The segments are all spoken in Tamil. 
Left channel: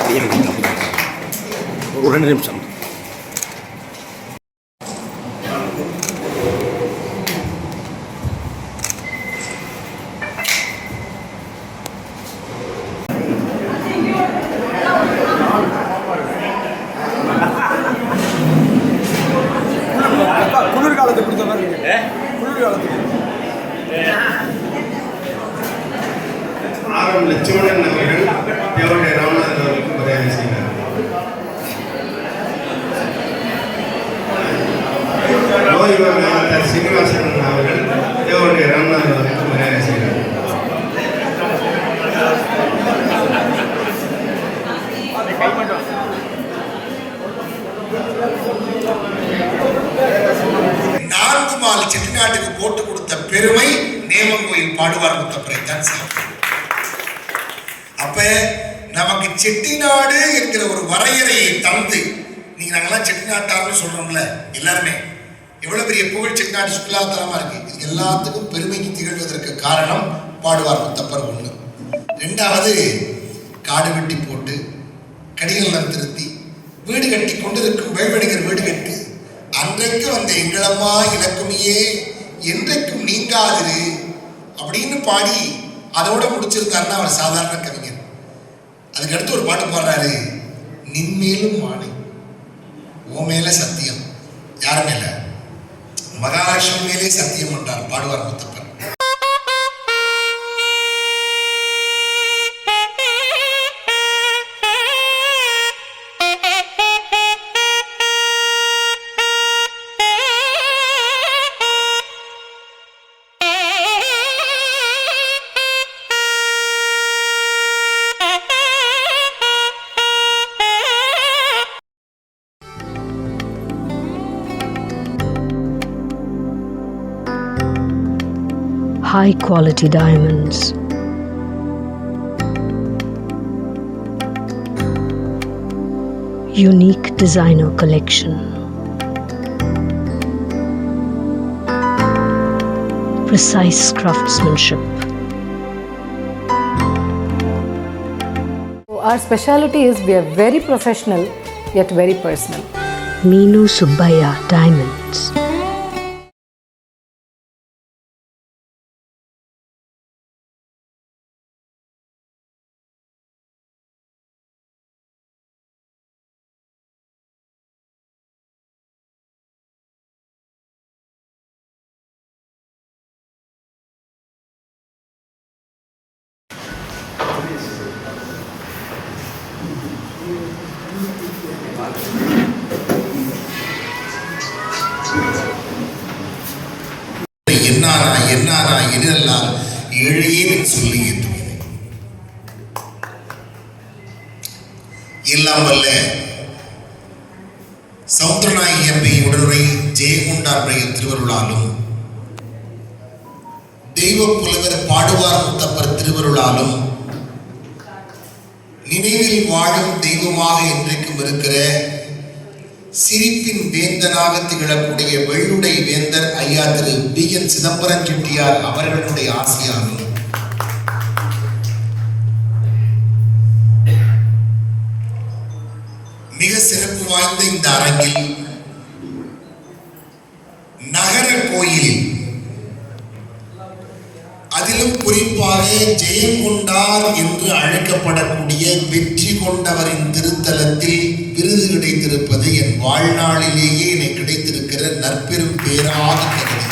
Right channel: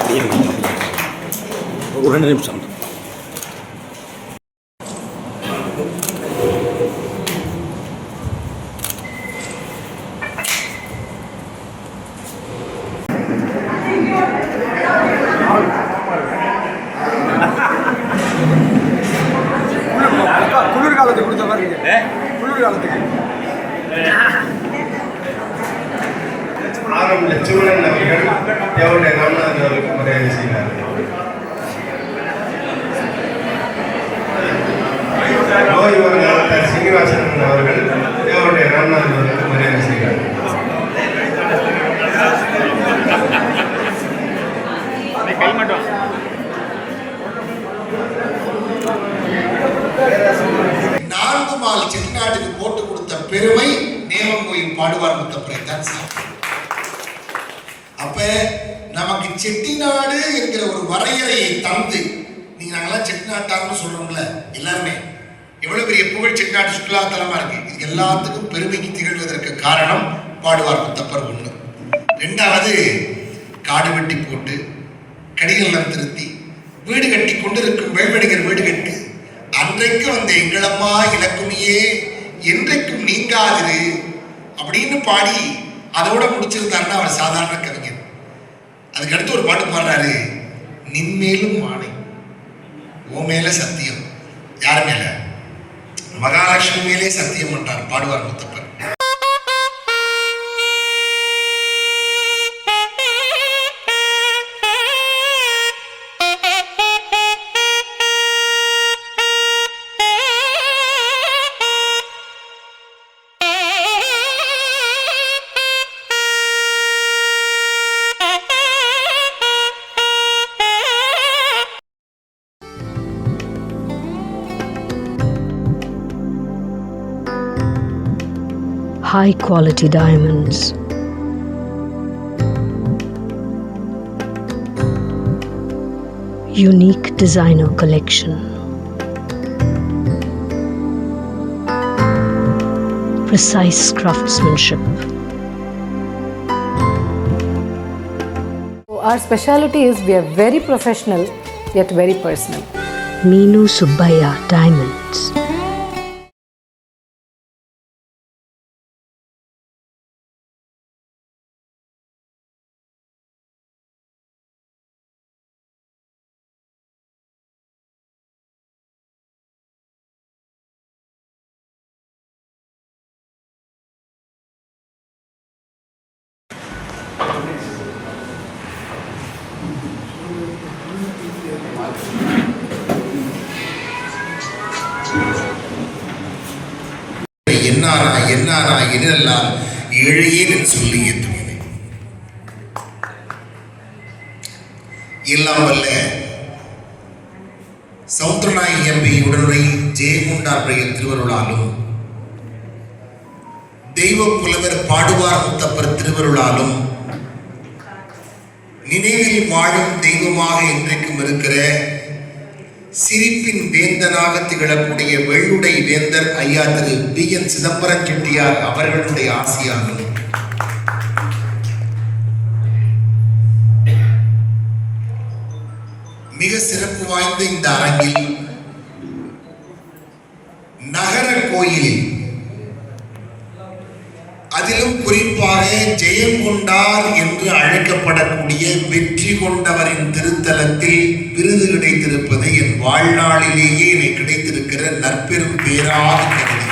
அப்படியே ஒரு 2 நிமிஷம். குளிர்காலத்துக்கு கொடுத்த மாதிரி குளிர்காலத்துக்கு ஆரம் லட்சுமணன் அவர்கள் தேவடைய ராமநாதன் அவர்களுக்கு மரியாதை செய்கிறார். சீனிவாசன் அவர்கள் தேவடைய ராமநாதன் அவர்களுக்கு மரியாதை செய்கிறார். நான்கு மால் செட்டிநாட்டுக்கு போட்டு கொடுத்த பெருமை நேமங்கோயில் பாடுவார் முத்தப்பரை தான் சாப்பிடும். அப்ப நமக்கு செட்டிநாடு என்கிற ஒரு வரையறையை தந்து, நீங்க நாங்கெல்லாம் செட்டிநாட்டார்னு சொல்றோம்ல எல்லாருமே, எவ்வளவு பெரிய புகழ் செட்டிநாடு சுற்றுலாத்தலமா இருக்கு. இது எல்லாத்துக்கும் பெருமைக்கு திகழ்வதற்கு காரணம் பாடுவார் முத்தப்பர் ஒண்ணு. 2வது, காடு வெட்டி போட்டு கடிகள் திருத்தி வீடு கட்டி கொண்டிருக்கும் வேல்வடிகர் வீடு கட்டு அன்றைக்கு வந்த எங்களம்மா இலக்குமியே என்றைக்கும் நீங்காதிரு அப்படின்னு பாடி அதோட முடிச்சிருந்தாருன்னா அவர் சாதாரண கவிஞர். அதுக்கு அடுத்து ஒரு பாட்டு பாடுறாரு, நின்மேலும் ஆணை ஓ மேல சத்தியம். யார் மேல? மகாலட்சுமி மேலே சத்தியம் பண்றார் பாடுவார் Muthappar. High quality diamonds. Unique designer collection. Precise craftsmanship. Meenu Subbaiah Diamonds. என்னாரா என்னெல்லாம் ஏழையேன் சொல்லி ஏற்றுவது எல்லாம் வல்ல சௌத்ரநாயகி அம்பை உடனுரை ஜெயமுண்டாருடைய திருவருளாலும் தெய்வ புலவர் பாடுவார் முத்தப்பர் திருவருளாலும் நினைவில் வாழும் தெய்வமாக என்றைக்கும் இருக்கிற சிரிப்பின் வேந்தனாக திகழக்கூடிய வெள்ளுடை வேந்தர் ஐயா திரு B.N. சிதம்பரம் செட்டியார் அவர்களுடைய ஆசையாலும் மிக சிறப்பு வாய்ந்த இந்த அரங்கில் நகர கோயில், அதிலும் குறிப்பாக ஜெயங்கொண்டார் என்று அழைக்கப்படக்கூடிய வெற்றி கொண்டவரின் திருத்தலத்தில் விருது கிடைத்திருப்பது என் வாழ்நாளிலேயே எனக்கு கிடைத்திருக்கிற நற்பெரும் பேராக கருதி.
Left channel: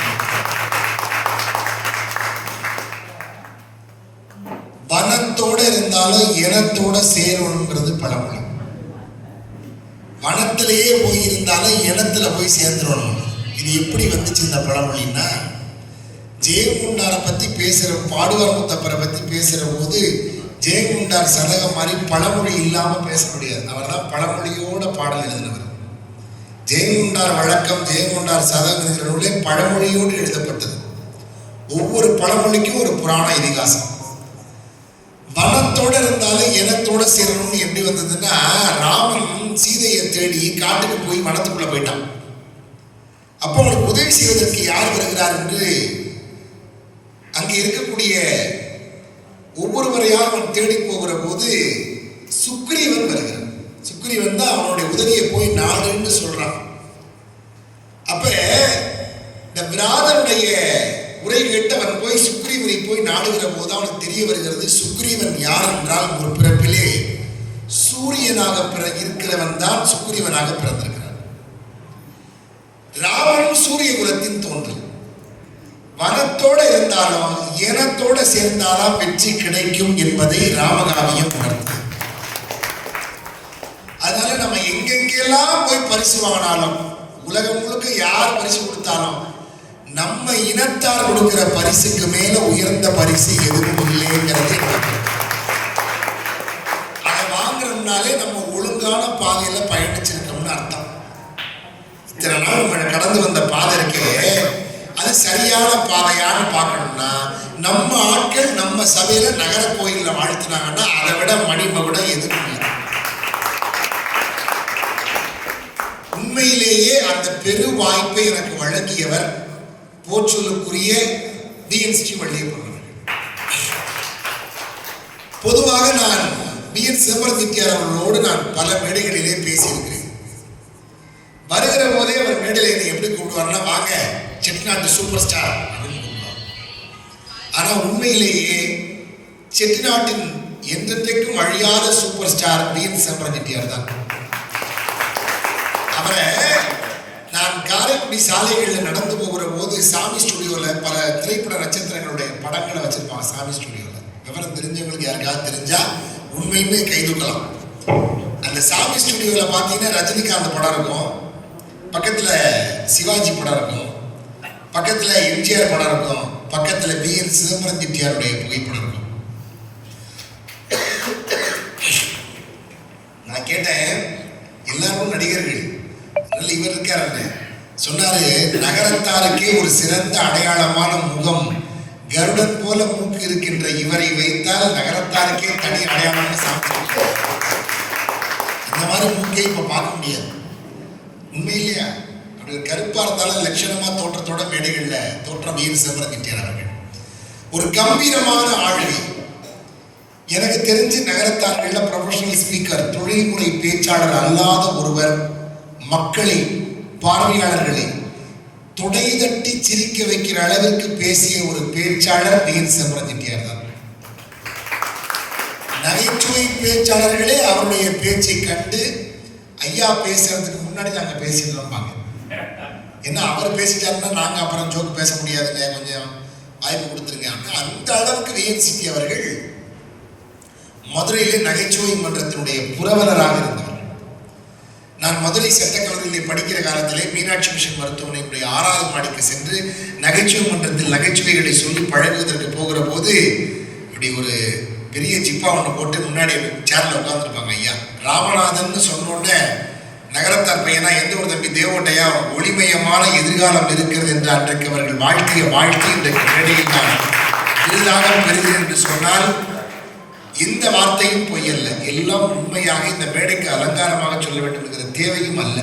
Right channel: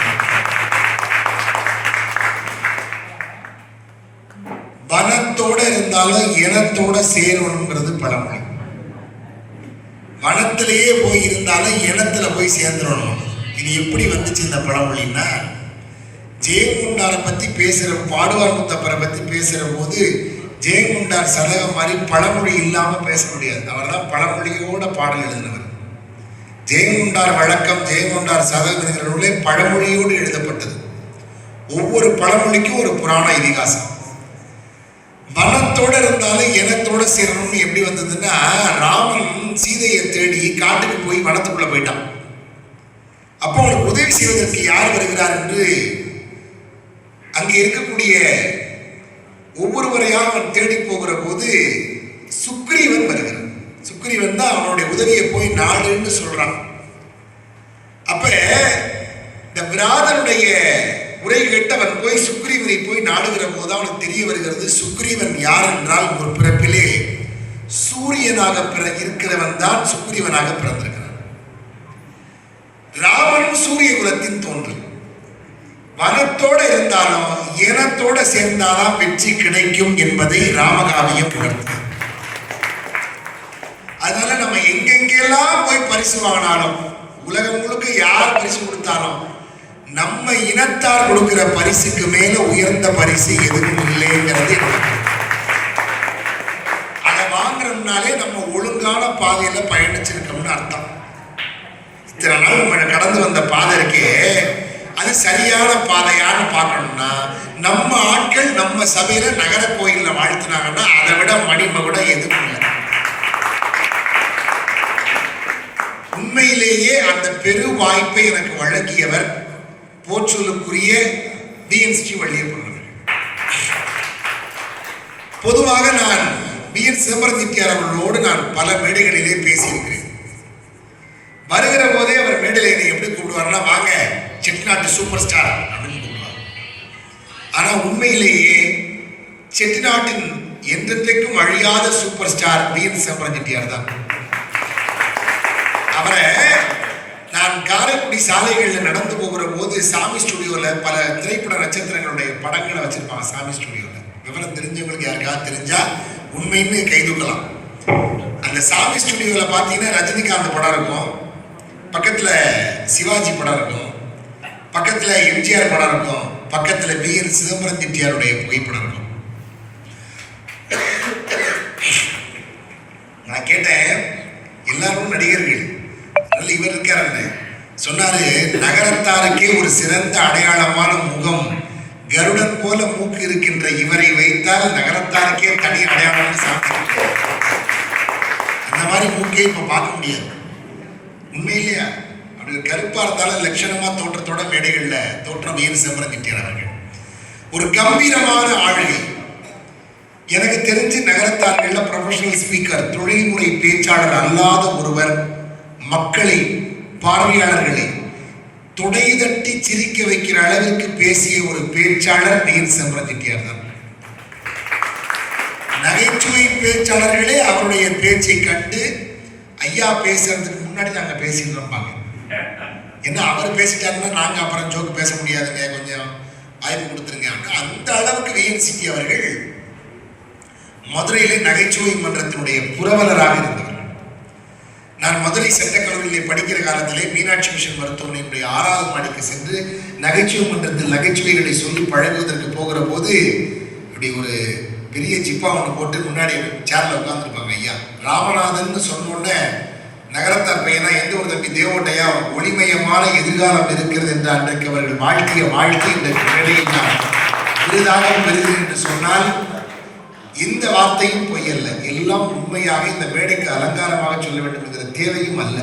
வனத்தோட இருந்தாலும் இனத்தோட சேரணுங்கிறது பழமொழி. வனத்திலேயே போய் இருந்தாலும் இனத்துல போய் சேர்ந்துடணும். இது எப்படி வந்துச்சு இந்த பழமொழின்னா, ஜெயங்கொண்டாரை பத்தி பேசுற, பாடுவார் முத்தப்பரை பத்தி பேசுற போது ஜெயங்கொண்டார் சதகம் மாதிரி பழமொழி இல்லாம பேச முடியாது. அவர் தான் பழமொழியோட பாடல் எழுதினவர். ஜெயங்கொண்டார் வழக்கம், ஜெயங்கொண்டார் சதகம் என்கிற நூலே பழமொழியோடு எழுதப்பட்டது. ஒவ்வொரு பழமொழிக்கும் ஒரு புராண இதிகாசம். வனத்தோட இருந்தாலும் இனத்தோட சேரணும்னு எப்படி வந்ததுன்னா, ராமன் சீதையை தேடி காட்டுக்கு போய் வனத்துக்குள்ள போயிட்டான். அப்போ அவனுக்கு உதவி செய்வதற்கு யார் வருகிறார் என்று அங்கே இருக்கக்கூடிய ஒவ்வொருவரையாக அவன் தேடி போகிற போது சுக்ரீவன் வருகிறான். சுக்ரீவன் தான் அவனுடைய உதவியை போய் நாடுன்னு சொல்றான். அப்ப இந்த விராதனுடைய உரை கேட்டவன் போய் சுக்ரீவனை போய் நாடுகிற போது அவனுக்கு தெரிய வருகிறது சுக்ரீவன் யார் என்றால் ஒரு பிறப்பிலே சூரியனாக இருக்கிறவன் தான் சுக்ரீவனாக பிறந்திருக்கிறான். ராவணன் சூரிய குலத்தின் தோன்றல். வனத்தோட இருந்தாலும் ஏனத்தோட சேர்ந்தாலும் வெற்றி கிடைக்கும் என்பதை ராமகாவியம் உணர்த்து. அதனால நம்ம எங்கெங்கெல்லாம் போய் பரிசு வாங்கினாலும், உலகம் முழுக்க யார் பரிசு கொடுத்தாலும், நம்ம இனத்தார் கொடுக்கிற பரிசுக்கு மேல உயர்ந்த பரிசு எதுவும் இல்லைங்கிறது. அதை வாங்குறோம்னாலே நம்ம ஒழுங்கான பாதையில பயணிச்சிருக்கோம்னு அர்த்தம். இத்தனை நாள் நம்ம கடந்து வந்த பாதை இருக்கே, அது சரியான பாதையான்னு பார்க்கணும்னா நம்ம ஆட்கள் நம்ம சபையில நகர கோயில்ல வாழ்த்தினாங்கன்னா அதை விட மணிமகுடம் எதுவும் இல்லை. உண்மையிலேயே அந்த பெரு வாய்ப்பை எனக்கு வழங்கியவர் போற்றலுக்குரிய பிஎன்ஸ்டி வள்ளியப்பன் அவர்கள். பொதுவாக நான் பிஎன் சிதம்பரத்தியார் அவர்களோடு நான் பல மேடைகளிலே பேசியிருக்கிறேன். வருகிற போதே அவர் மேடையில என்னை எப்படி கூப்பிடுவார்னா, வாங்க செட்டிநாட்டு சூப்பர் ஸ்டார் அப்படின்னு கூப்பிடுவார். ஆனா உண்மையிலேயே செட்டிநாட்டின் என்றைக்கும் அழியாத super star PN Chidambaram Chettiar தான். அவரை நான் காரைக்குடி சாலைகளில் நடந்து போகிற போது சாமி ஸ்டுடியோவில் பல திரைப்பட நட்சத்திரங்களுடைய படங்களை வச்சிருப்பாங்க. சாமி ஸ்டுடியோவில் விவரம் தெரிஞ்சவங்களுக்கு யாருக்காவது தெரிஞ்சா உண்மைன்னு கைதுக்கலாம். அந்த சாமி ஸ்டுடியோவில் பார்த்தீங்கன்னா ரஜினிகாந்த் படம் இருக்கும், பக்கத்தில் சிவாஜி படம் இருக்கும், பக்கத்தில் எம்ஜிஆர் படம் இருக்கும், பக்கத்தில் பிஎன் சிதம்பரம் செட்டியாருடைய புகைப்படம் இருக்கும். நான் கேட்டேன், எல்லாரும் நடிகர்கள், இவர் இருக்காரு சொன்னாரு, நகரத்தாருக்கே ஒரு சிறந்த அடையாளமான முகம், கருடன் போல மூக்கு இருக்கின்ற இவரை வைத்தால் நகரத்தாருக்கே தனி அடையாளம் சாப்பிட்டு. அந்த மாதிரி மூக்கே இப்ப பார்க்க முடியாது. உண்மை இல்லையா? அப்படி கருப்பா இருந்தாலும் லட்சணமா தோற்றத்தோட மேடைகள்ல தோற்றம் ஏன் சிதம்பரம் செட்டியார் அவர்கள் ஒரு கம்பீரமான ஆளுகை. எனக்கு தெரிஞ்சு நகரத்தார்கள்ல ப்ரொஃபஷனல் ஸ்பீக்கர், தொழில்முறை பேச்சாளர் அல்லாத ஒருவர் மக்களை, பார்வையாளர்களை தொடை தட்டி சிரிக்க வைக்கிற அளவிற்கு பேசிய ஒரு பேச்சாளர் பிஎன் சிதம்பரம் செட்டியார் தான். நகைச்சுவை பேச்சாளர்களே அவருடைய பேச்சை கண்டு ஐயா பேசுறதுக்கு முன்னாடி நாங்க பேசிட்டு இருப்பாங்க. என்ன அவர் பேசிட்டாருன்னா நாங்க அப்புறம் ஜோக்கு பேச முடியாதுங்க, கொஞ்சம் வாய்ப்பு கொடுத்துருங்க. அந்த அளவுக்கு பிஎன் சிட்டி அவர்கள் மதுரையிலே நகைச்சுவை மன்றத்தினுடைய புரவலராக இருந்தவர். நான் மதுரை சட்டக்கல்லூரியிலே படிக்கிற காலத்திலே மீனாட்சி மிஷன் மருத்துவமனையினுடைய 6வது மாடிக்கு சென்று நகைச்சுவை மன்றத்தில் நகைச்சுவைகளை சொல்லி பழகுவதற்கு போகிற போது இப்படி ஒரு பெரிய ஜிப்பா ஒன்று போட்டு முன்னாடி சேர்ல உட்கார்ந்துருப்பாங்க ஐயா. ராமநாதன் சொன்னோடனே நகரத்தார் பையனா எந்த ஒரு தம்பி தேவோட்டையா ஒளிமயமான எதிர்காலம் இருக்கிறது என்று அன்றைக்கு அவர்கள் வாழ்க்கைய வாழ்க்கை இந்த மேடையில் நான் விருதாக பெறுகிறேன் என்று சொன்னால் இந்த வார்த்தையும் பொய்யல்ல, எல்லாம் உண்மையாக இந்த மேடைக்கு அலங்காரமாக சொல்ல வேண்டும் என்கிற தேவையும் அல்ல.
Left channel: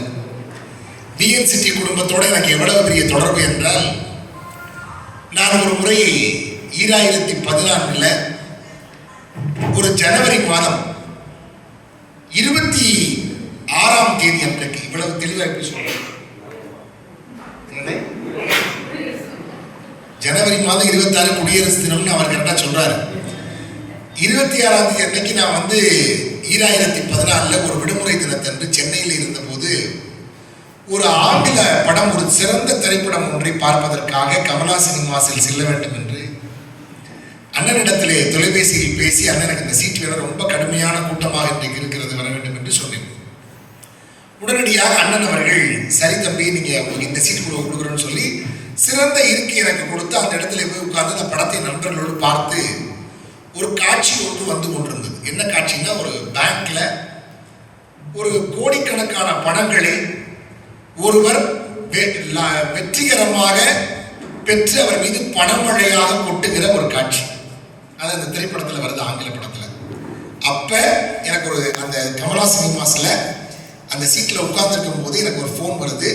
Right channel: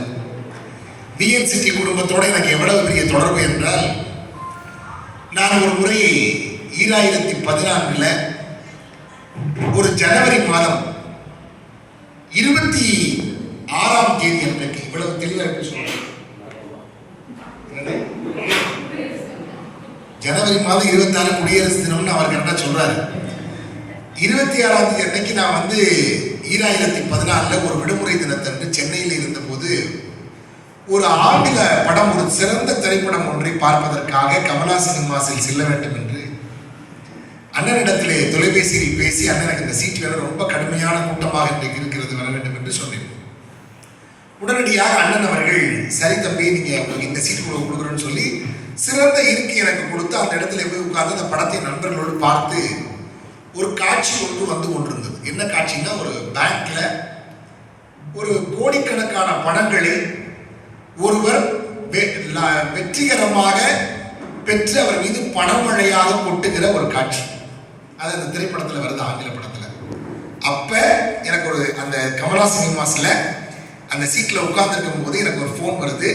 பிஎன் சிட்டி குடும்பத்தோடு எனக்கு எவ்வளவு பெரிய தொடர்பு என்றால், நான் ஒரு முறை 2014 ஒரு ஜனவரி மாதம் 26ஆம் தேதி அன்றைக்கு, இவ்வளவு தெளிவாக எப்படி சொல்றேன், ஜனவரி மாதம் 26 குடியரசு தினம்னு அவர் கரெக்டா சொல்றாரு. 26ஆம் தேதி அன்னைக்கு நான் 2014 ஒரு விடுமுறை தினத்தன்று சென்னையில் இருந்தபோது ஒரு ஆங்கில படம், ஒரு சிறந்த திரைப்படம் ஒன்றை பார்ப்பதற்காக கமலா சினிமாஸில் செல்ல வேண்டும் என்று அண்ணனிடத்திலே தொலைபேசியில் பேசி, அண்ணனுக்கு இந்த சீட் வேற ரொம்ப கடுமையான கூட்டமாக இன்றைக்கு இருக்கிறது, வர வேண்டும் என்று சொன்னேன். உடனடியாக அண்ணன் அவர்கள், சரி தம்பி நீங்க உங்களுக்கு இந்த சீட் கொடுக்குறோன்னு சொல்லி சிறந்த இருக்கை எனக்கு கொடுத்து அந்த இடத்துல போய் உட்கார்ந்து அந்த படத்தை நண்பர்களோடு பார்த்து ஒரு காட்சி ஒன்று வந்து கொண்டிருந்தது. என்ன காட்சின்னா, ஒரு பேங்க்ல ஒரு கோடிக்கணக்கான பணங்களை ஒருவர் வெற்றிகரமாக பெற்று அவர் மீது பணமழையாக கொட்டுகிற ஒரு காட்சி. அது அந்த திரைப்படத்தில் வருது, ஆங்கில படத்தில். அப்ப எனக்கு ஒரு அந்த கமலா சினிமாஸ்ல அந்த சீட்ல உட்கார்ந்துருக்கும் போது எனக்கு ஒரு ஃபோன் வருது,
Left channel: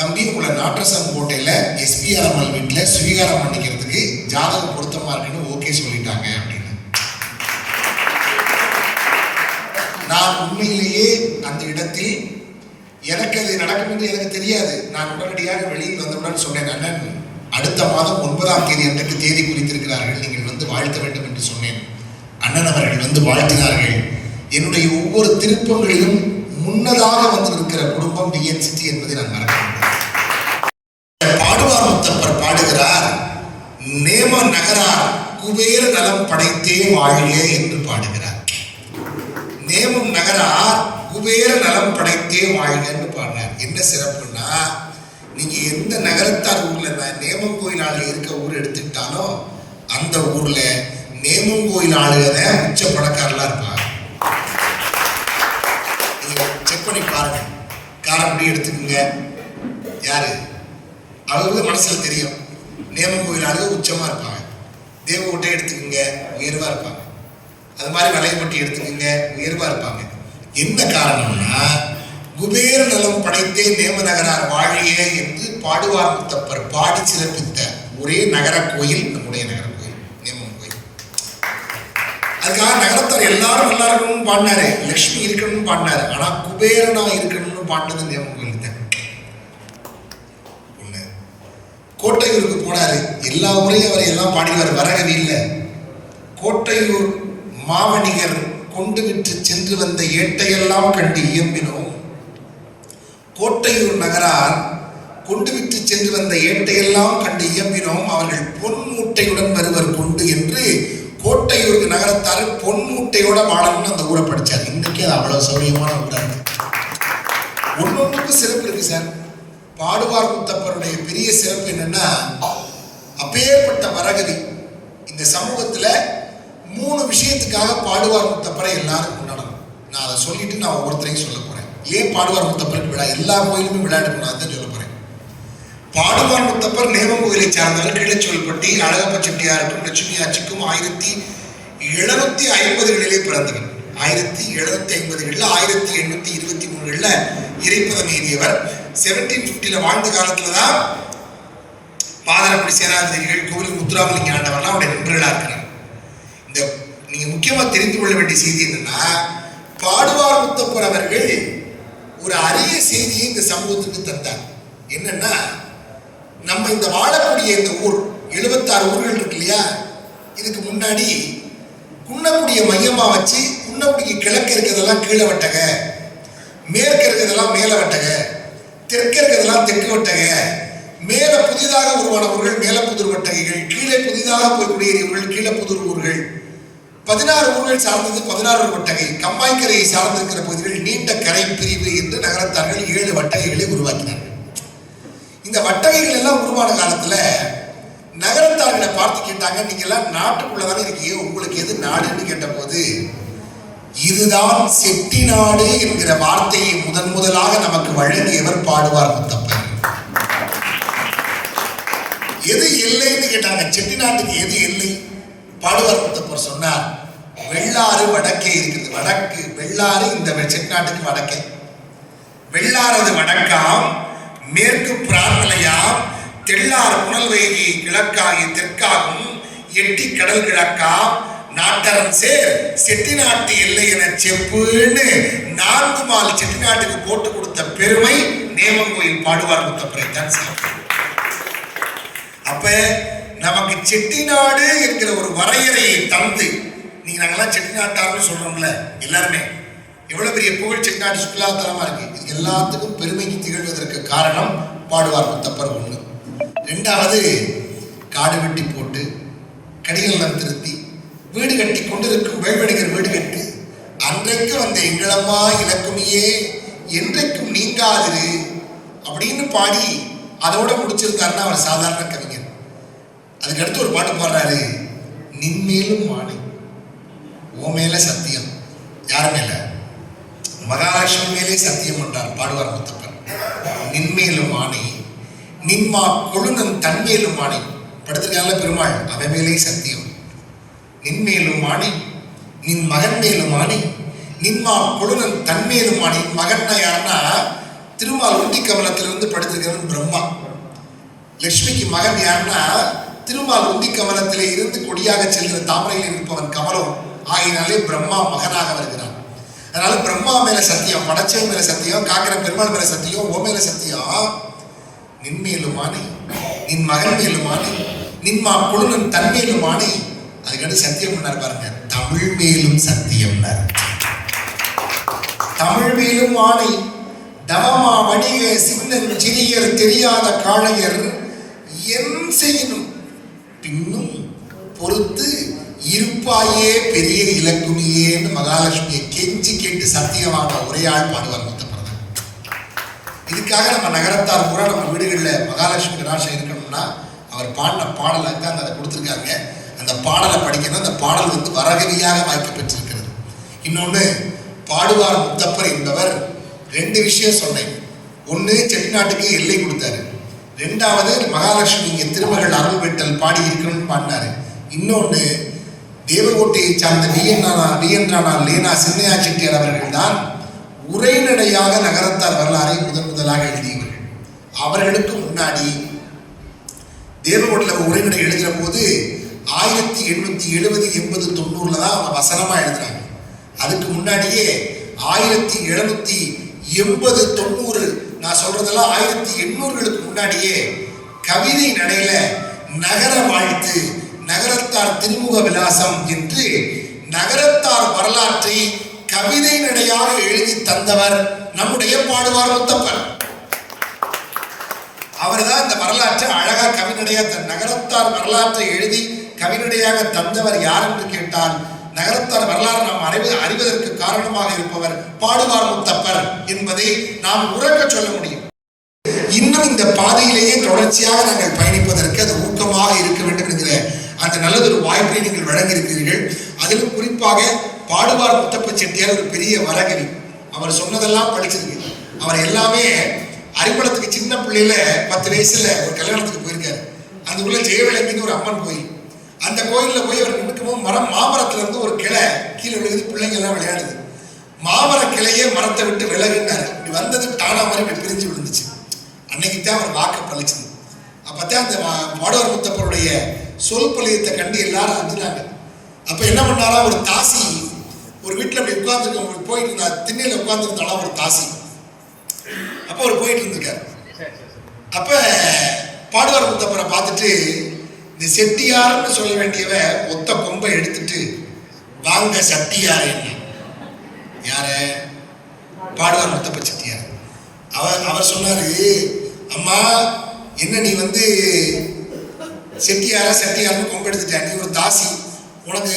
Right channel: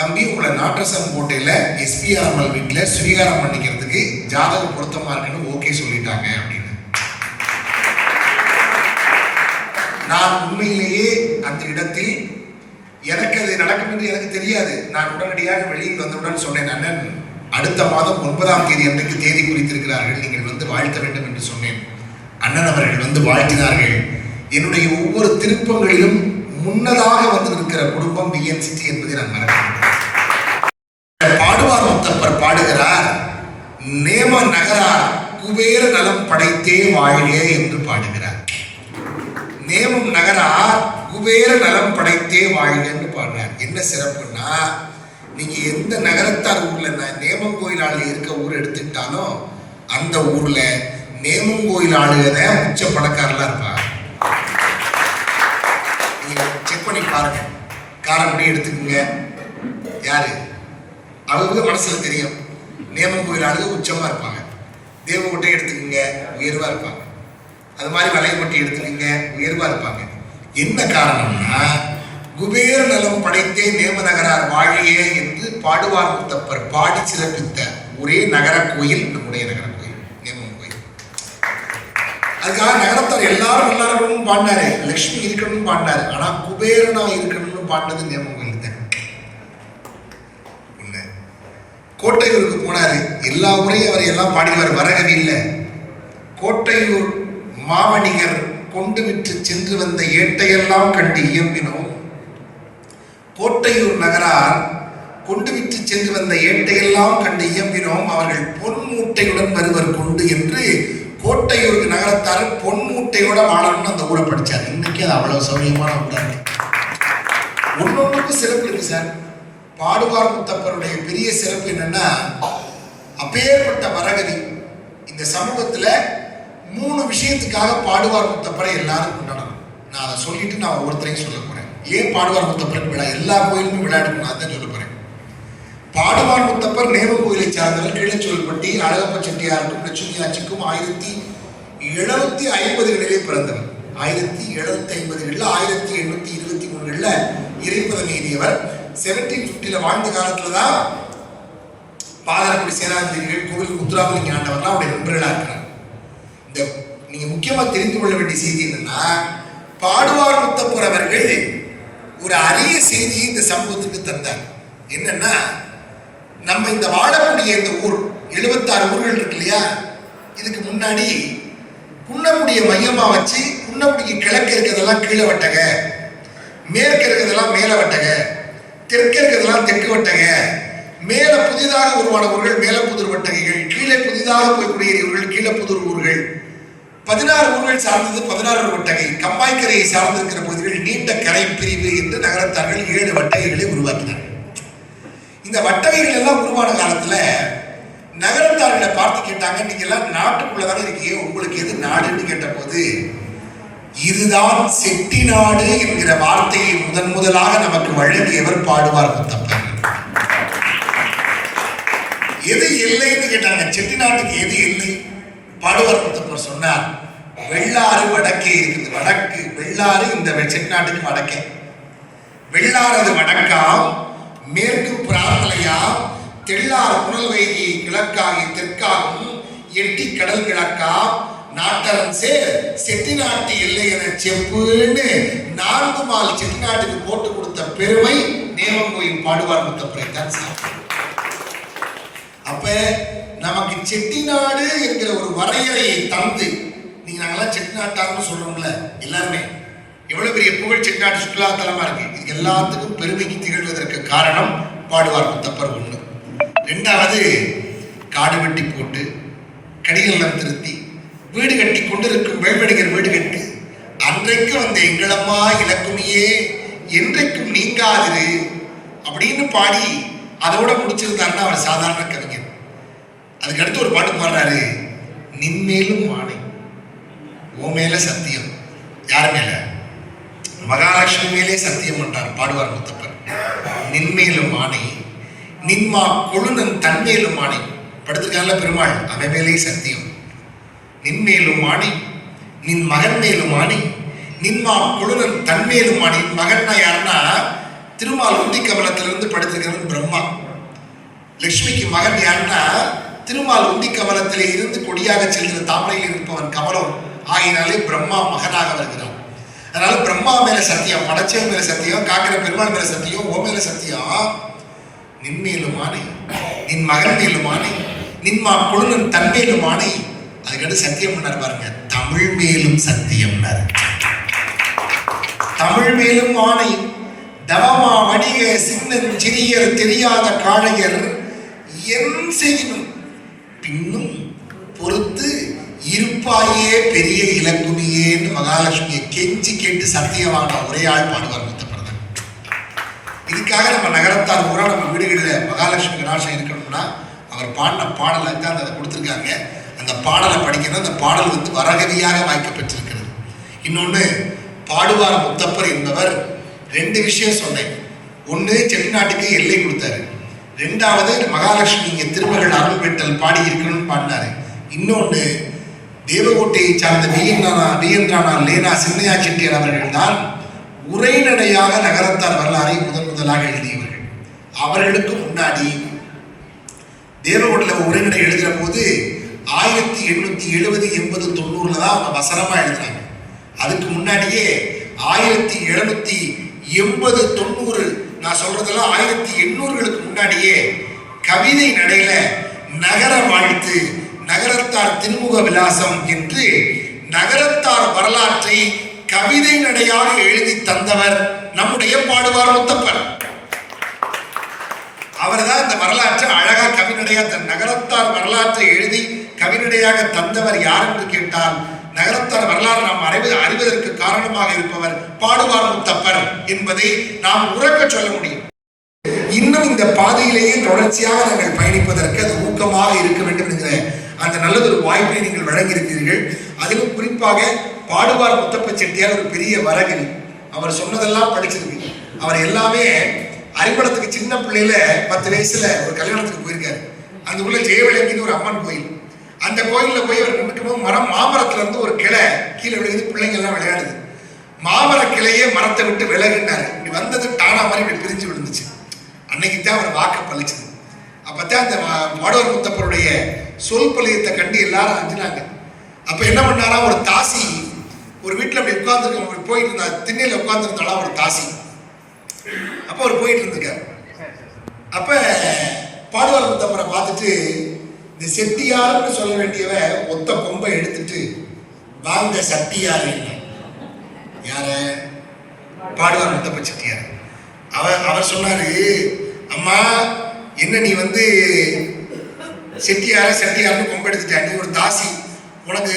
தம்பி உங்களை நாட்டரசன் கோட்டையில எஸ்பிஆர் அம்மல் வீட்டில் ஸ்வீகாரம் பண்ணிக்கிறதுக்கு ஜாதகம் பொருத்தமா இருக்குன்னு ஓகே சொல்லிட்டாங்க அப்படின்னு. நான் உண்மையிலேயே அந்த இடத்தில் எனக்கு அது நடக்கும் என்று எனக்கு தெரியாது. நான் உடனடியாக வெளியில் வந்தவுடன் சொன்னேன், அண்ணன் அடுத்த மாதம் 9ஆம் தேதி அன்றைக்கு தேதி குறித்திருக்கிறார்கள், நீங்கள் வந்து வாழ்த்த வேண்டும் என்று சொன்னேன். அண்ணன் அவர்கள் வந்து வாழ்த்தினார்கள். என்னுடைய ஒவ்வொரு திருப்பங்களிலும் முன்னதாக வந்திருக்கிற குடும்பம் BNCT என்பதை நான் மறக்க முடியாது. பாடுவார் முத்தப்பர் பாடுகிறார், நேம நகரார் குபேர நலம் படைத்தே வாழ்க என்று பாடுகிறார். நேமம் நகரார் குபேர நலம் படைத்தே வாழ்கன்னு பாடுறார். என்ன சிறப்புன்னா, நீங்க எந்த நகரத்தார் ஊர்ல நேமம் கோயில் இருக்க ஊர் எடுத்துக்கிட்டாலும் அந்த ஊர்ல நேமம் கோயில் ஆளுகிற உச்ச பணக்காரலாம் இருப்பாங்க. நீங்க செக் பண்ணி பாருங்க. காரைக்குடி எடுத்துக்கோங்க, யாரு அவங்க மனசுல தெரியும். நேமம் கோயில் ஆளுக உச்சமா இருப்பாங்க. தேவகோட்டை எடுத்துக்கோங்க, உயர்வா இருப்பாங்க. அது மாதிரி வலைப்பட்டி எடுத்துக்கோங்க, உயர்வா இருப்பாங்க. என்ன காரணம்னா, குபேர நலம் படைத்தே நேம நகரார் வாழியே என்று பாடுவார் முத்தப்பர் பாடி சிறப்பித்த ஒரே நகர கோயில் நம்முடைய நகர கோயில் நேமம் கோயில். அதுக்காக நகரத்தார் எல்லாரும் நல்லா இருக்கணும்னு பாடினாரு, லட்சுமி இருக்கணும்னு பாடினாரு. ஆனா குபேரனா இருக்கணும்னு பாடினது நேமம் கோயில் தான். ஒண்ணு, கோட்டையூருக்கு போனாரு. எல்லா முறையும் அவர் எல்லாம் பாடினார். வரகவி இல்லை. கோட்டையூர் மாவணிகர் கொண்டு விற்று சென்று வந்த ஏட்டையெல்லாம் கண்டு இயம்பினோம். கோட்டையூர் நகரார் கொண்டு விற்று சென்று வந்த ஏட்டையெல்லாம் கண்டு இயம்பினோம். அவர்கள் பொன் மூட்டையுடன் வருவர் கொண்டு என்று கோட்டையூருக்கு நகரத்தார் பொன் மூட்டையோட வாழணும்னு அந்த ஊரை படிச்சார். இன்னைக்கு அது அவ்வளவு சௌரியமான ஊரா இருக்கு. ஒன்னொன்றுக்கு சிறப்பு இருக்கு சார். பாடுவார் முத்தப்பருடைய பெரிய சிறப்பு என்னன்னா, அப்பேற்பட்ட வரகவி இந்த சமூகத்துல 3 விஷயத்துக்காக பாடுவார் முத்தப்பரை எல்லாரும் கொண்டாடணும். நான் அதை சொல்லிட்டு நான் ஒவ்வொருத்தரையும் சொல்ல போறேன். ஏன் பாடுவார் முத்தப்பருக்கு விழா? எல்லா கோயிலுமே விழா எடுக்கணும், அதான் சொல்ல போறேன். பாடுவார் முத்தப்பர் நேமம் கோயிலை சார்ந்தவர். கீழச்சோல்பட்டி அழகப்ப செட்டியாருக்கும் லட்சுமி ஆட்சிக்கும் 1750களிலே பிறந்தவர். 1750களில் 1823களில் இறைப்பதம் ஏறியவர். 1750 வாழ்ந்த காலத்துலதான் பாதரப்படி சேனாதிபதிகள் கோவில் முத்துராமலிங்க ஆண்டவர்லாம் அவருடைய நண்பர்களா இருக்கிறார். இந்த நீங்க முக்கியமா தெரிந்து கொள்ள வேண்டிய செய்தி என்னன்னா, பாடுவார் முத்தப்பர் அவர்கள் ஒரு அரிய செய்தியை இந்த சமூகத்துக்கு தந்தார். என்னன்னா, நம்ம இந்த வாழக்கூடிய இந்த ஊர் 76 ஊர்கள் இருக்கு இல்லையா, இதுக்கு முன்னாடி குன்னக்குடியை மையமா வச்சு குன்னக்குடிக்கு கிழக்கு இருக்கிறதெல்லாம் கீழே வட்டக, மேற்கு இருக்கிறதெல்லாம் மேல வட்டக, தெற்கு இருக்கிறதெல்லாம் தெற்கு வட்டக, மேல புதிதாக உருவான ஊர்கள் மேலப்புதூர் வட்டகைகள், கீழே புதிதாக போய் குடியேறியவர்கள் கீழப்புதூர் ஊர்கள். 16 ஊர்கள் சார்ந்தது 16 வட்டகை. கம்மாய்க்கரையை சார்ந்திருக்கிற பகுதிகள் நீண்ட கரை பிரிவு என்று நகரத்தார்கள் 7 வட்டகைகளை உருவாக்கினார்கள். இந்த வட்டகைகள் எல்லாம் உருவான காலத்துல நகரத்தார்களை பார்த்து கேட்டாங்க, நீங்க எல்லாம் நாட்டுக்குள்ளதானே இருக்கீங்க, உங்களுக்கு எது நாடுன்னு கேட்ட போது, இதுதான் செட்டி நாடு என்கிற வார்த்தையை முதலாக நமக்கு வழங்கியவர் பாடுவார் முத்தப்பர். எது எல்லைன்னு கேட்டாங்க. செட்டி நாட்டுக்கு எது எல்லை? பாடுவார் முத்தப்பர் சொன்னார், வெள்ளாறு வடக்கே இருக்குது. வடக்கு வெள்ளாறு இந்த செட்டிநாட்டுக்கு வடக்கே. வெள்ளாறு அது வடக்காம், மேற்கு பிரார்த்தலையாம், தெள்ளாறு புனல் வைகை கிழக்காகி தெற்காகும், எட்டி கடல் கிழக்காம், நாட்டரன் சேர் செட்டிநாட்டு எல்லை என செப்புன்னு 4 மால் செட்டிநாட்டுக்கு போட்டு கொடுத்த பெருமை நேமங்கோயில் பாடுவார் முத்தப்பரை தான் சாப்பிடும். அப்ப நமக்கு செட்டிநாடு என்கிற ஒரு வரையறையை தந்து, நீங்க நாங்கெல்லாம் செட்டிநாட்டார்னு சொல்றோம்ல எல்லாருமே, எவ்வளவு பெரிய புகழ் செட்டிநாடு சுற்றுலா தலமா இருக்கு. இது எல்லாத்துக்கும் பெருமைக்கு திகழ்வதற்கு காரணம் பாடுவார் முத்தப்பர். 1. 2வது, காடு வெட்டி போட்டு கடிகளம் திருத்தி வீடு கட்டி கொண்டிருக்கும் வேல்வடிகர் வீடு கட்டு அன்றைக்கு வந்த எங்களம்மா இலக்குமியே என்றைக்கும் நீங்காதிரு அப்படின்னு பாடி அதோட முடிச்சிருந்தாருன்னா அவர் சாதாரண கவிஞர். அதுக்கடுத்து ஒரு பாட்டு பாடுறாரு, நின்மேலும் ஆணை ஓ மேல சத்தியம். யார் மேல? மகாலட்சுமி மேலே சத்தியம் பண்றாரு பாடுவார் முத்தப்பர். நின்மேலும் ஆணை நின்மா கொழுநன் தன்மேலும் ஆணை படுத்திருக்கால பெருமாள், அவன் மேலே சத்தியம். நின்மேலும் ஆணை நின் மகன் மேலும் ஆணை நின்மா கொழுநன் தன்மேலும் ஆணை. மகன்னா யாருன்னா திருமால் உந்தி கவலத்திலிருந்து படுத்திருக்கிறவன் பிரம்மா. லட்சுமிக்கு மகன் யாருன்னா திருமால் உந்தி கவலத்திலே இருந்து கொடியாக செல்கிற தாமரையில் இருப்பவன் கமலம். ஆகினாலே பிரம்மா மகனாக வருகிறான். அதனால அம்மா மேல சத்தியம், படைச்சவன் மேல சத்தியம், காக்கிற பெருமாள் மேல சத்தியம், ஓ மேல சத்தியம், நின்மேலுமானை, நின் மகன் மேலுமானை, நின்மா கொழுந்தன் தன்மேலுமானை. அதுக்கடுத்து சத்தியம் பண்ணார் பாருங்க, தமிழ் மேலும் சத்தியம். தமிழ் மேலும் ஆணை, தவமா வணிக சின்னன் சிறியர் தெரியாத காளையர் என் செய்யணும் பின்னும் பொறுத்து இருப்பாயே பெரிய இலக்குமியேன்னு மகாலட்சுமியை கெஞ்சி கேட்டு சத்தியமான ஒரே ஆள் பாடுவார் முத்தப்பறதான். இதுக்காக நம்ம நகரத்தார் பூரா நம்ம வீடுகளில் மகாலட்சுமி கடாட்சம் இருக்கணும்னா அவர் பாடின பாடலை தான் அதை கொடுத்துருக்காங்க. அந்த பாடலை படிக்கணும். அந்த பாடல் வந்து வரகதியாக வாய்க்கப்பட்டிருக்கிறது. இன்னொன்று, பாடுவார் முத்தப்பர் என்பவர் 2 விஷயம் சொன்னேன். ஒன்று, செட்டிநாட்டுக்கு எல்லை கொடுத்தாரு. 2வது, மகாலட்சுமி இங்கே திருமகள் அருள் பெற்றல் பாடி இருக்கணும்னு பாடினாரு. இன்னொன்று, தேவகோட்டையை சார்ந்த விஎன் ராணா லேனா சின்னையா செட்டியார் அவர்கள் தான் உரைநடையாக நகரத்தார் வரலாறை முதலாக எழுதியவர்கள். அவர்களுக்கு முன்னாடி தேவகோட்டையில் உரைநடை எழுதுகிற போது 1870, 80, 90 தான் அவங்க வசனமாக எழுதுறாங்க. அதுக்கு முன்னாடியே 1780, 90 நான் சொல்றதெல்லாம் 1800களுக்கு முன்னாடியே கவிதை நடையில நகர வாழ்த்து, நகரத்தார் திருமுக விலாசம் என்று நகரத்தார் வரலாற்றை கவிதை நடையாக எழுதி தந்தவர் நம்முடைய பாடுவார் முத்தப்பர். அவர் தான் இந்த வரலாற்றை அழகா கவிநடையா நகரத்தார் வரலாற்றை எழுதி கவிநடையாக தந்தவர் யார் என்று கேட்டால், நகரத்தார் வரலாறு நாம் அறிவதற்கு காரணமாக இருப்பவர் பாடுவார் முத்தப்பர் என்பதை நாம் உறக்க சொல்ல முடியும். இன்னும் இந்த பாதையிலேயே தொடர்ச்சியாக நாங்கள் பயணிப்பதற்கு அது ஊக்கமாக இருக்க வேண்டும் என்கிற அந்த நல்லதொரு வாய்ப்பை நீங்கள் வழங்கியிருக்கிறீர்கள். அதிலும் குறிப்பாக பாடுவார் முத்தப்ப செட்டியார் ஒரு பெரிய வரகவி. அவர் சொன்னதெல்லாம் படிச்சிருக்கு. அவர் எல்லாமே அறிவளத்துக்கு சின்ன பிள்ளையில 10 வயசுல ஒரு கல்யாணத்துக்கு போயிருக்காரு. அந்த உள்ள ஜெயவலங்கின்னு ஒரு அம்மன் கோயில். அந்த கோயிலில் போய் அவர் நிற்கும் போது மாமரத்துல இருந்து ஒரு கிளை கீழே விழுது. பிள்ளைங்க எல்லாம் விளையாடுது. மாமர கிளையே மரத்தை விட்டு விலகுனாரு. இப்படி வந்தது டானா மாதிரி பிரிஞ்சு விழுந்துச்சு. அன்னைக்கு தான் அவர் வாக்க பழிச்சது. அப்பதான் அந்த பாடுவார் முத்தப்பருடைய சொல் பழியத்தை கண்டு எல்லாரும் அஞ்சினாங்க. அப்ப என்ன பண்ணாரா, ஒரு தாசி ஒரு வீட்டில் அப்படி உட்கார்ந்து போயிட்டு இருந்தா, திண்ணையில உட்கார்ந்துருந்தாலும் ஒரு தாசி. அப்ப அவர் போயிட்டு இருந்திருக்காரு. அப்ப பாடுவார் முத்தப்பரை பார்த்துட்டு, இந்த செட்டியார்னு சொல்ல வேண்டியவ ஒத்த கொம்பை எடுத்துட்டு வாங்க சட்டியார் என்ன யார பாடுவார் முத்தப்ப செட்டியார். அவர் சொன்னாரு, அம்மா என்ன நீ வந்து செட்டியார்னு கொம்பை எடுத்துட்ட, நீ ஒரு தாசி, உனக்கு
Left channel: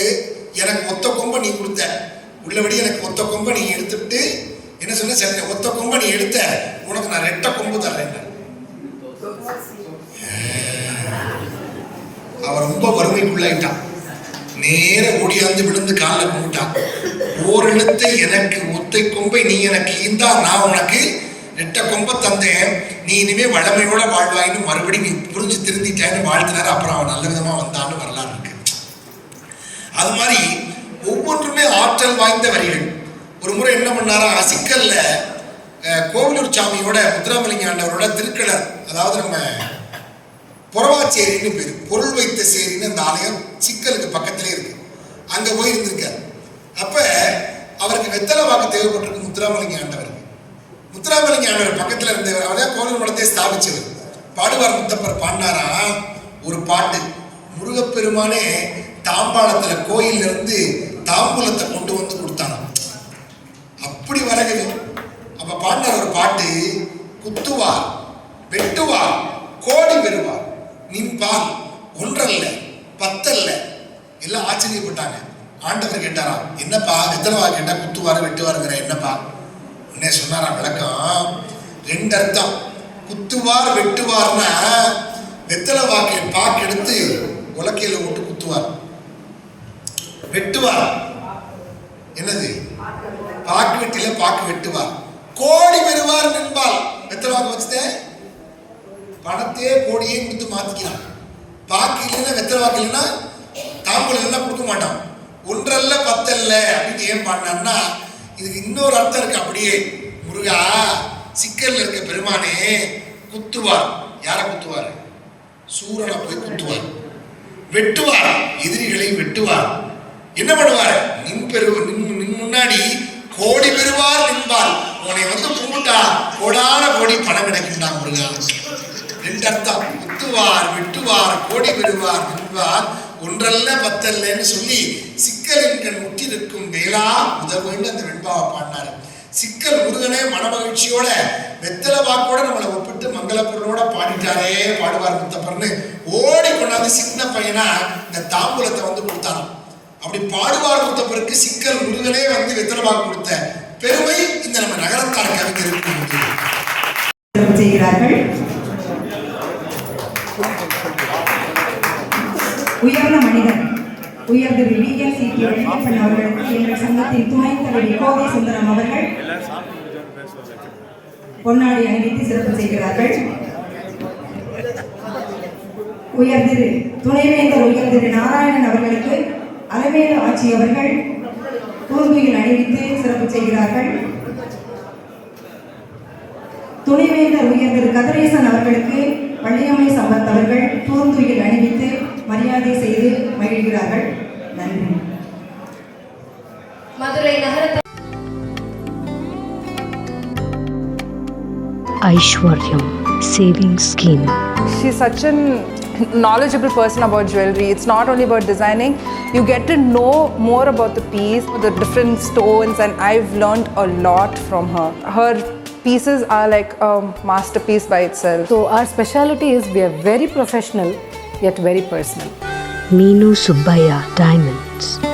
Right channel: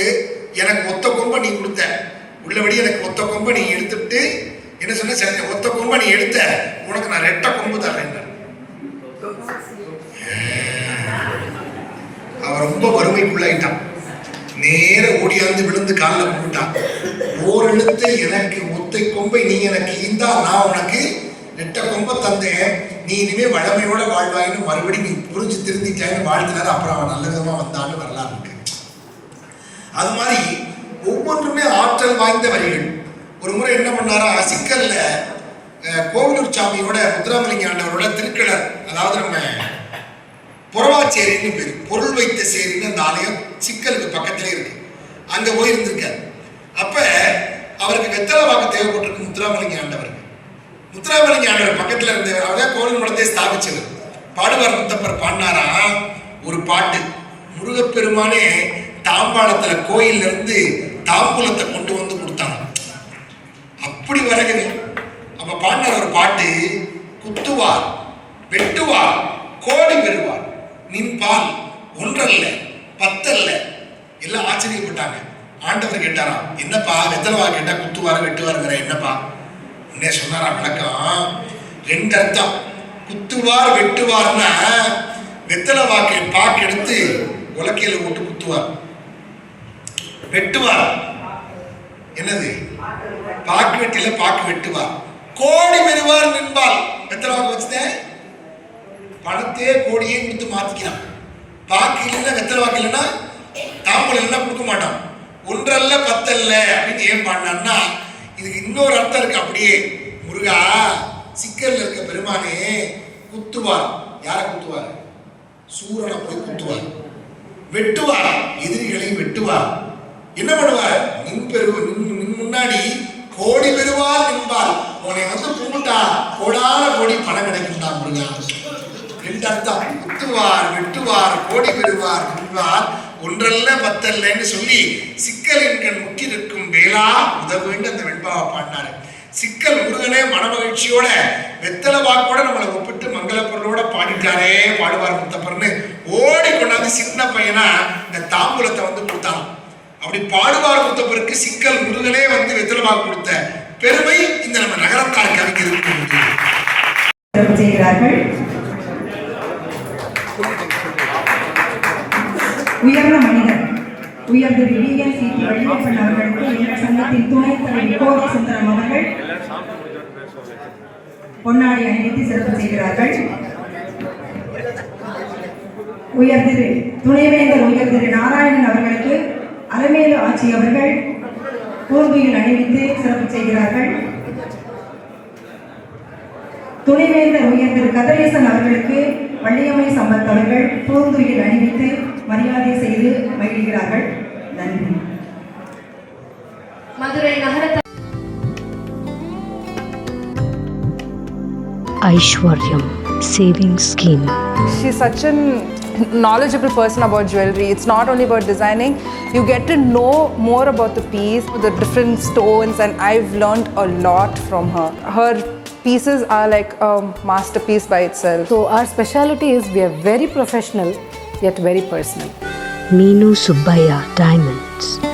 எனக்கு ஒத்த கொம்பை நீ கொடுத்த, உள்ளபடி எனக்கு ஒத்த கொம்பை நீ எடுத்துட்டு என்ன சொன்ன, ஒத்த கொம்பை நீ எடுத்த, உனக்கு நான் 2 கொம்பு தரேன். அவன் ரொம்ப வறுமைக்குள்ளாயிட்டான். நேர ஓடியாந்து விழுந்து காலில் போட்டான். ஓர் எழுத்து எனக்கு ஒத்தை கொம்பை நீ எனக்கு ஈந்தா, நான் உனக்கு 2 கொம்பை தந்தேன், நீ இனிமே வளமையோட வாழ்வாயின்னு மறுபடியும் நீ புரிஞ்சு திருந்திட்டான்னு வாழ்த்தினாரு. அப்புறம் அவன் நல்ல விதமா வந்தான்னு வரலாறு இருக்கு. அது மாதிரி ஒவ்வொன்றுமே ஆற்றல் வாய்ந்த வரிகள். ஒரு முறை என்ன பண்ணாரா, சிக்கல்ல கோவிலூர் சாமியோட முத்துராமலிங்க ஆண்டவரோட திருக்கடர், அதாவது நம்ம புறவாச்சேரின்னு பேரு, பொருள் வைத்த சேரின்னு அந்த ஆலயம் சிக்கலுக்கு பக்கத்திலே இருக்கு. அங்க போய் இருந்திருக்காரு. அப்ப அவருக்கு வெத்தலை வாக்கு தேவைப்பட்டிருக்கு முத்துராமலிங்க ஆண்டவருக்கு. முத்துராமலிங்க ஆண்டவர் பக்கத்துல இருந்தவர், அவர்தான் கோவில் மடத்தை ஸ்தாபிச்சது. பாடுவார் முத்தப்பர் பாடினாரா ஒரு பாட்டு, முருகப்பெருமானே தாம்பாளத்துல கோயில்ல இருந்து தாம்பூலத்தை கொண்டு வந்து கொடுத்தாங்க. அப்படி வரகுது. அப்ப பாடினார் ஒரு பாட்டு, குத்துவார் வெட்டுவார் கோடி பெறுவார், நின்பால் ஒன்றல்ல 10 அல்ல. எல்லாம் ஆச்சரியப்பட்டாங்க. ஆண்டவர் கேட்டாராம், என்னப்பா வெத்தலவா கேட்டா குத்துவாரு வெட்டுவாருங்கிற என்னப்பா? என்ன சொன்னாரா விளக்கம், 2 அர்த்தம். குத்துவார் வெட்டுவார்னா வெத்தலை வாக்கை பாக்கு எடுத்து உலக்கையில போட்டு குத்துவார். வெட்டுவார் என்னது, பாக்கு வெட்டில பாக்கு வெட்டுவார். கோடி பெறுவார் நின்பால், வெத்தலை வாக்கு வச்சுட்டேன் பணத்தையே கோடியே கொடுத்து மாத்திக்கலாம். பாக்கு இல்லைன்னா வெத்தலை வாக்கு இல்லைன்னா தாம்பூலம் இல்லைன்னா கொடுக்க மாட்டான். 1 அல்ல 10 அல்ல அப்படின்னு ஏன் பாடினான்னா, இதுக்கு இன்னொரு அர்த்தம் இருக்கு. அப்படியே முருகா சிக்கல்ல இருக்க பெருமானே குத்துவார். யாரை குத்துவார்? சூரனை போய் குத்துவார். வெட்டுவார், எதிரிகளை வெட்டுவார். என்ன பண்ணுவார்? நின் முன்னாடி கோடி பெறுவார் விட்டா கோடான கோடி பணம் கிடைக்கும்டா முருகா. ரெண்டு அர்த்தம், குத்துவார் வெட்டுவார் கோடி பெறுவார் வெல்வார் ஒன்றல்ல பத்தல்லன்னு சொல்லி சிக்கலின்கள் முற்றிருக்கும் வேளா உதவுன்னு அந்த வெண்பாவை பாடினாரு. சிக்கல் முருகனே மனமகிழ்ச்சியோட வெத்தலை வாக்கோட நம்மளை ஒப்பிட்டு மங்களப்பொருளோட பாடிட்டாரே பாடுவார் முத்தப்பர்னு ஓடி கொண்டாந்து சின்ன பையனா இந்த தாம்பூலத்தை வந்து கொடுத்தாங்க. அப்படி பாடுவார் முத்தப்பருக்கு சிக்கல் முருகனே வந்து வெத்தலை வாக்கு கொடுத்த பெருமை இந்த நம்ம நகரத்தார் கவிஞருக்கு செய்கிறார்கள். உயர்ந்த மனிதர் உயர்ந்த டிஎஸ்சிபி வள்ளியப்பன் அவர்களுக்கு எங்கள் சங்கத்தின் துணைத் தலைவி கோவை சுந்தரம் அவர்கள் பொன்னாடி அணிவித்து சிறப்பு செய்கிறார்கள். உயர்திரு துணைவேந்தர் உயர்திரு நாராயணன் அவர்களுக்கு அலமேலு ஆட்சி அவர்கள் பூங்குயில் அணிவித்து சிறப்பு செய்கிறார்கள். துணைவேந்தர் உயர்திரு கதிரேசன் அவர்களுக்கு வள்ளியம்மை சம்பத் அவர்கள் பூந்துயில் அணிவித்து மரியாதை செய்து மகிழ்கிறார்கள். நன்றி. மதுரை நகர Aishwaryam Savings Scheme. Meenu Subbaya Diamonds.